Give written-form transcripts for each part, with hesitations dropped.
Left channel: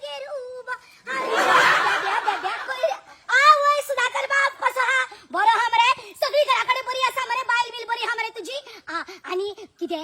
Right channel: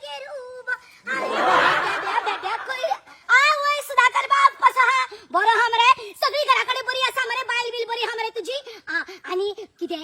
मागेर उभा बेब्या बेब्या कोय आ वय सुधाकर बाप कसा हा बरं हा मरे सगळी घराकडे बरी असा मरे बाईल बिल बरी हा मरे तुझी आणि किते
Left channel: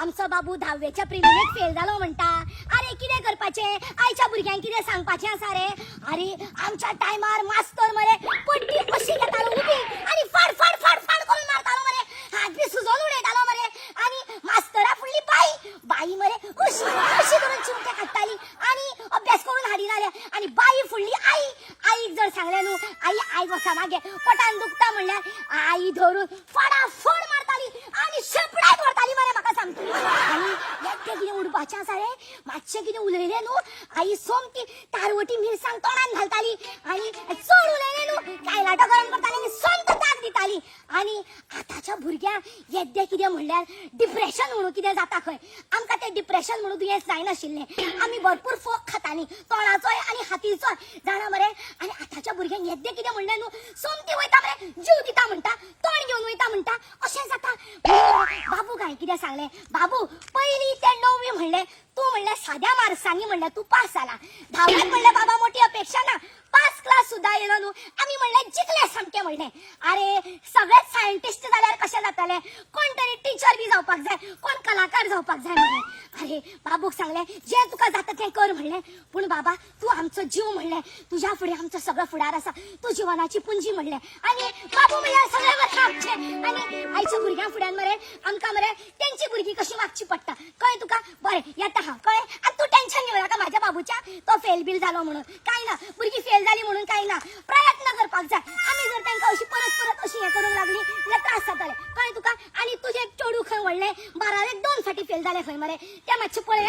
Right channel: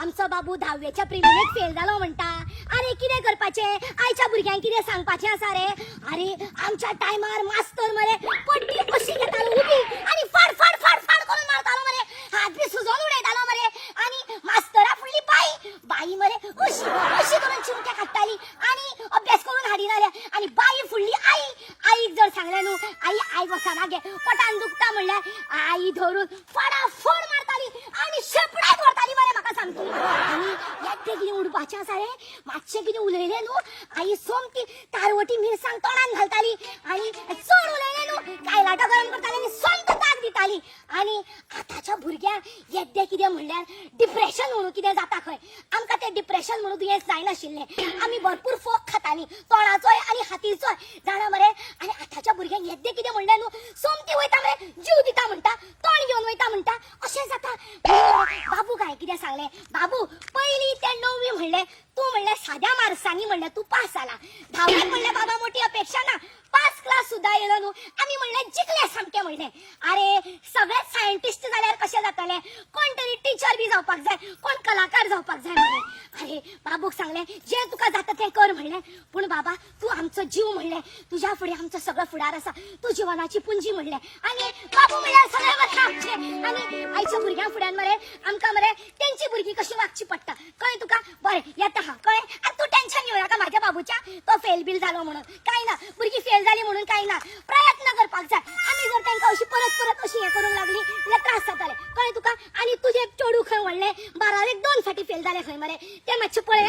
आमचो बाबू 10वीच्या प्रिलिमीत फेल जालो म्हणटा अरे कितें करपाचे आयच्या भुरग्यांक कितें सांगपाचें आसा रे अरे आमच्या टायमार मास्तर मरे पट्टी कशी घेतालो उबी आणि फाड फाड फाड फाड करून मारतालो मरे हात बी सुजोन उडयतालो मरे आणि मास्तरा फुडली बाई बाई मरे उशी उशी करून चिमटे काडटाली आणि अभ्यास करून हाडिना आणि बाई फुडली आई आईक जर सांगलें न्हू आई आयक वसा मागे पोटान दुखता म्हणल्यार आई धरून फडाफड मारताली आणि शेपडात व्हरताली मरे म्हाका सांगतली आणि येते कितें उडपाचें आसा रे मातशें कितें उलयलें न्हू आई सोमती तारवटी मिरसांग तोंडान घालताली आणि चड उलयलें न्हू कायलाटो गरम करताली आनी सोंत ताक दिताली आणि आतांच्या भुरग्यांक येद्दे कितें म्हणल्यार डिप्रेशन म्हणून कितें जाता खंय आमकां तें डिप्रेशन म्हणून दुयेंस जायनाशिल्लें आमी भरपूर फोक खातालीं तोंडाचोय आनी हातीचोय जाणा मरे आनी आतांच्या भुरग्यांक येद्दे कितें म्हणल्यार न्हू सोमती वयता मरे जीव दिता म्हणटा तोंड घेवन वयता म्हणटा अशें जाता बाबू काय कितें सांगलें बाबू पयलीं ते 9वी म्हणलें तूं म्हणलें साद्या मार्क्सांनी म्हणलें तूं पास जाला 10वीक म्हणलें बाबा मोठी अपेक्षा ना 5 क्लास सुद्धा येलो न्हू आमी म्हणलें जिखले सामकें म्हणलें अरे सगळेच सायंटिस्ट जाल्यार कशें जातलें कोण तरी टिचर बी जावपाक जाय कोण कलाकार जावपाक जाय म्हणलें अरे बाबूक सांगलें जें तुका जाता तें कर म्हणलें पूण बाबा तूं आमचो जीव म्हणलें तुज्या फुडें आमचो सगळो फुडार आसा तूं जिवनाची पुंजी म्हणलें आनी बाबू म्हणल्यार सगळें वता आमचें आनी आयच्या भुरग्यां फुड्यान मरे आमकां मरे तेंची भुरगीं कशी वागची पडटा कळ्ळें तुका बरें येता हा कळ्ळें आनी तूं टेन्शन घेवं नाका म्हाज्या बाबूच्या तो फेल बिल जालो म्हणून कांय ना भुरगीं फेल जाली म्हणून कांय ना प्रयत्न करपाक जाय आमी जर तांकां अशी परत परत अशी हें करूंक लागली जाल्यार त्रास जाताले कळ्ळें तुका आनी तुजें चेडूं खंय व्हडलें 12वेक 2 फाटी फेल जालें खंय मरे तें मातशें पळय